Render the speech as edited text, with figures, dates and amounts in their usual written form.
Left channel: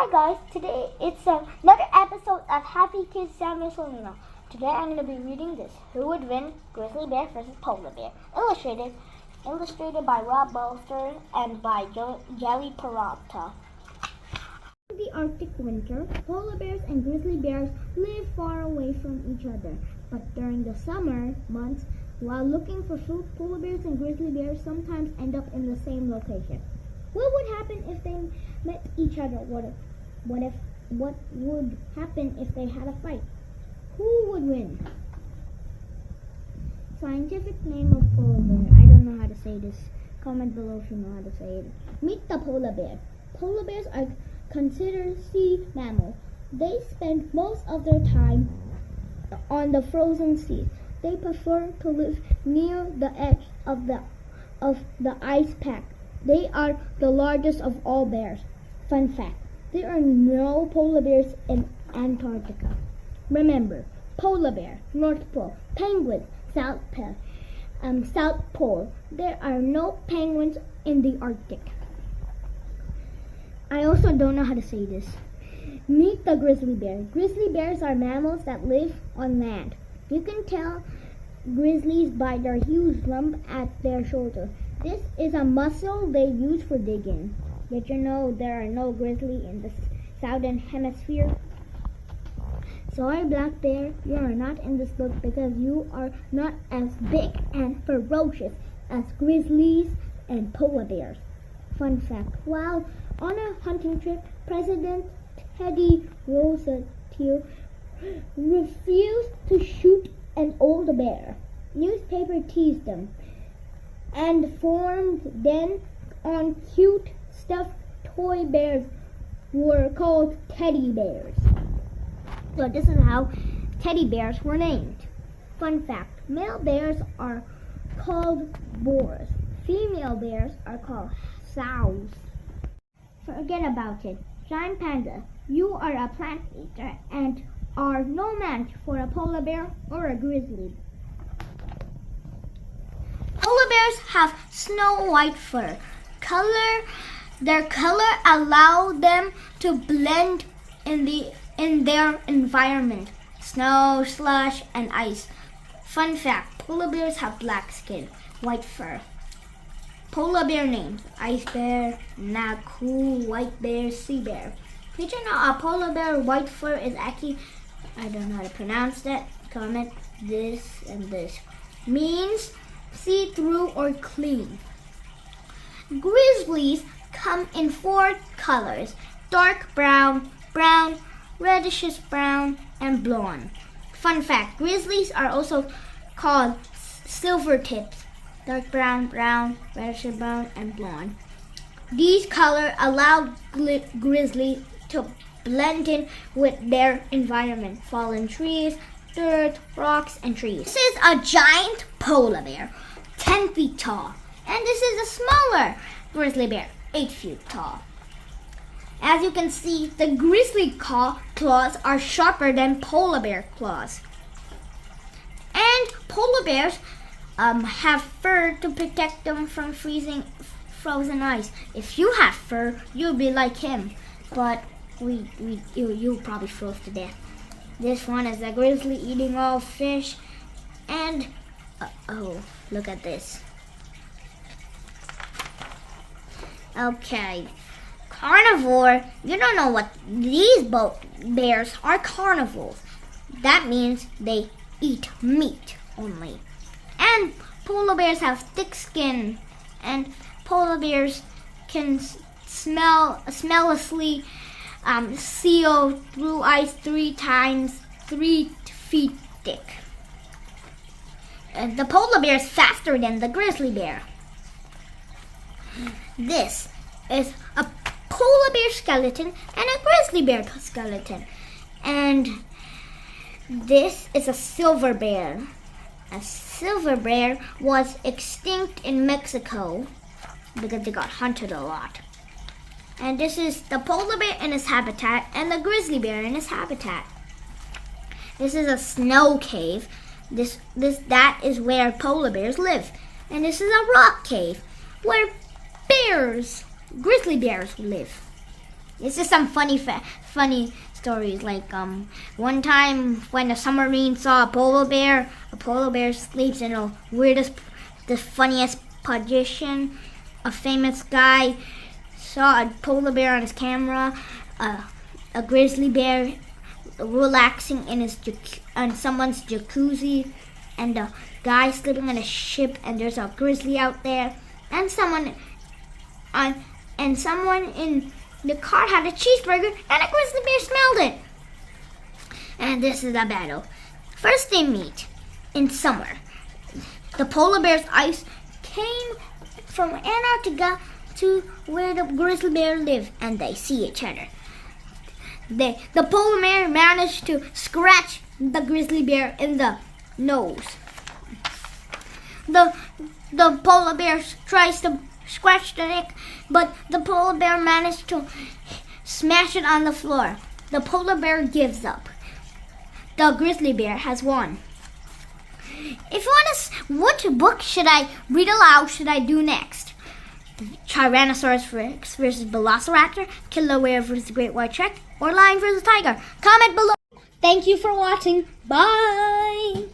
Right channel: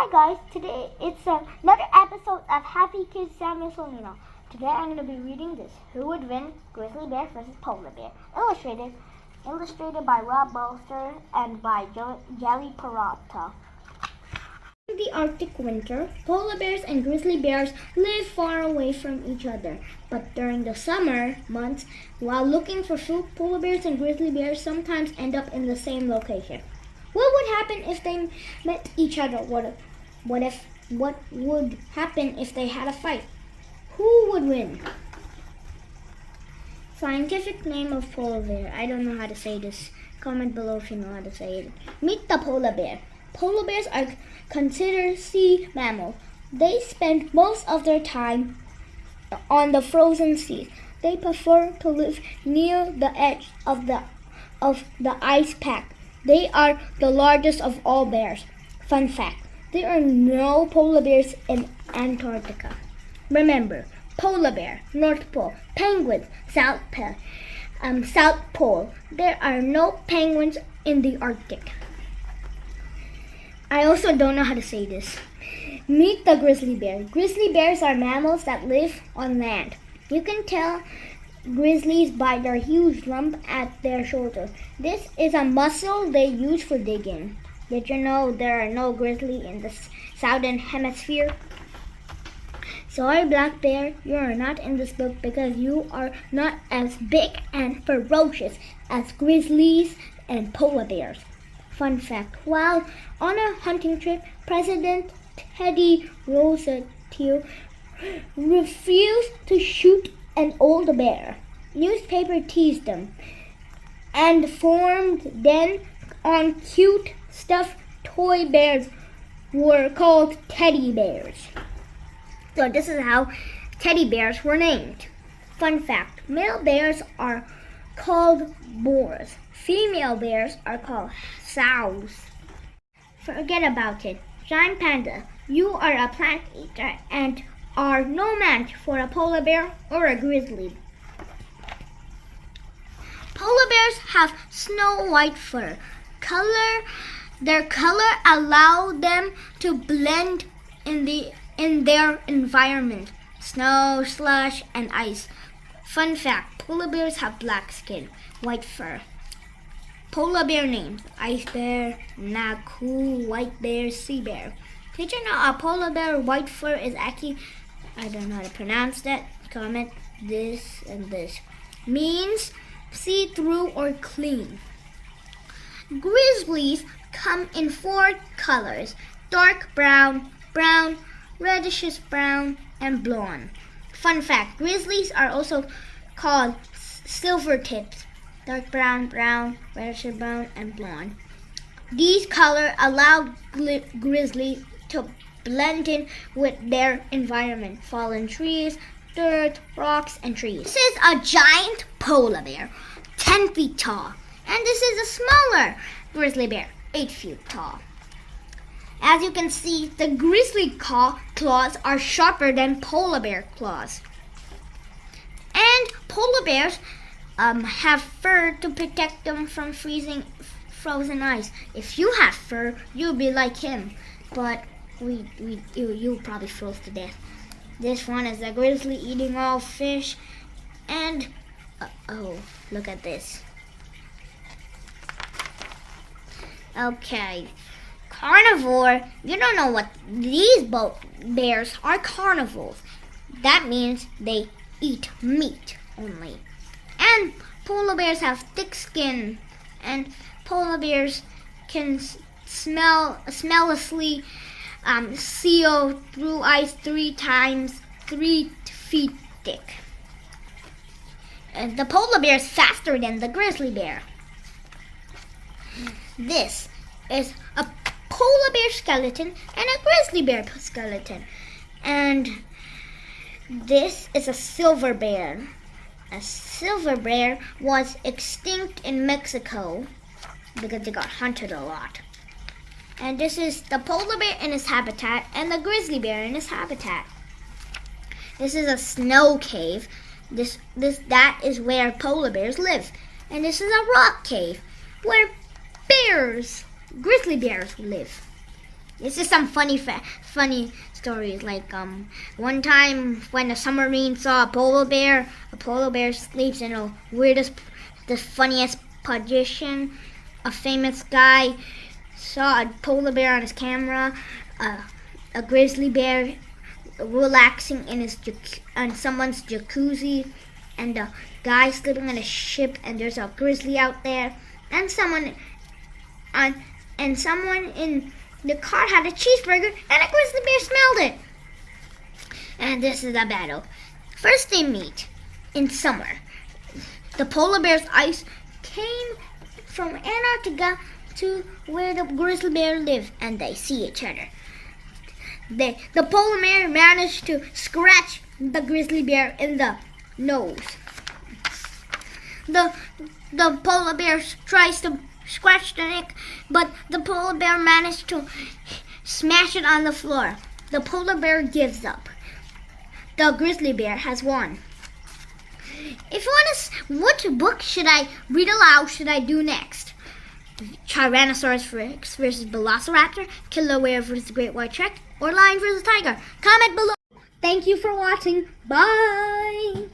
Hi guys, today it's another episode of Happy Kids Samuel Solino. Today I'm going to be reading this Who Would Win? Grizzly Bear vs. Polar Bear. Illustrated by Rob Bolster and by Jelly Peralta. In the Arctic winter, polar bears and grizzly bears live far away from each other. But during the summer months, while looking for food, polar bears and grizzly bears sometimes end up in the same location. What would happen if they met each other? What would happen if they had a fight? Who would win? Scientific name of polar bear. I don't know how to say this. Comment below if you know how to say it. Meet the polar bear. Polar bears are considered sea mammals. They spend most of their time on the frozen seas. They prefer to live near the edge of the ice pack. They are the largest of all bears. Fun fact, there are no polar bears in Antarctica. Remember, polar bear, North Pole, penguins, South Pole. There are no penguins in the Arctic. I also don't know how to say this. Meet the grizzly bear. Grizzly bears are mammals that live on land. You can tell grizzlies by their huge lump at their shoulder. This is a muscle they use for digging. Did you know there are no grizzly in the southern hemisphere? Sorry, black bear, you are not in this book because you are not as big and ferocious as grizzlies and polar bears. Fun fact, while on a hunting trip, President Teddy Roosevelt refused to shoot an old bear. Newspaper teased them and formed then on cute stuffed toy bears were called teddy bears. So this is how teddy bears were named. Fun fact, male bears are called boars. Female bears are called sows. Forget about it. Giant panda, you are a plant eater and are no match for a polar bear or a grizzly. Polar bears have snow white fur. Their color allows them to blend in their environment, snow, slush, and ice. Fun fact, polar bears have black skin, white fur. Polar bear names: ice bear, Naku, white bear, sea bear. Did you know a polar bear white fur is actually, I don't know how to pronounce that, comment this and this, means see-through or clean. Grizzlies come in 4 colors: dark brown, brown, reddish brown, and blonde. Fun fact, grizzlies are also called silver tips: dark brown, brown, reddish brown, and blonde. These colors allow grizzlies to blend in with their environment: fallen trees, dirt, rocks, and trees. This is a giant polar bear, 10 feet tall. And this is a smaller grizzly bear, 8 feet tall. As you can see, the grizzly claws are sharper than polar bear claws. And polar bears have fur to protect them from frozen ice. If you had fur, you'd be like him. But you probably froze to death. This one is a grizzly eating all fish. And, oh, look at this. Okay, carnivore, you don't know what these bears are. Carnivores. That means they eat meat only. And polar bears have thick skin, and polar bears can smellously seal through ice 3 times 3 feet thick. And the polar bear is faster than the grizzly bear. This is a polar bear skeleton and a grizzly bear skeleton. And this is a silver bear. A silver bear was extinct in Mexico because they got hunted a lot. And this is the polar bear in his habitat and the grizzly bear in his habitat. This is a snow cave. That is where polar bears live. And this is a rock cave where grizzly bears live. This is some funny stories. Like one time when a submarine saw a polar bear sleeps in the funniest position. A famous guy saw a polar bear on his camera. A grizzly bear relaxing in on someone's jacuzzi, and a guy sleeping on a ship, and there's a grizzly out there, and someone in the car had a cheeseburger, and a grizzly bear smelled it. And this is the battle. First they meet in summer. The polar bear's ice came from Antarctica to where the grizzly bear live, and they see each other. The polar bear managed to scratch the grizzly bear in the nose. The polar bear tries to scratch the neck, but the polar bear managed to smash it on the floor. The polar bear gives up. The grizzly bear has won. If you want to, what book should I read aloud? Should I do next? Tyrannosaurus Rex versus Velociraptor, Killer Whale versus Great White Shark, or Lion versus Tiger? Comment below. Thank you for watching. Bye.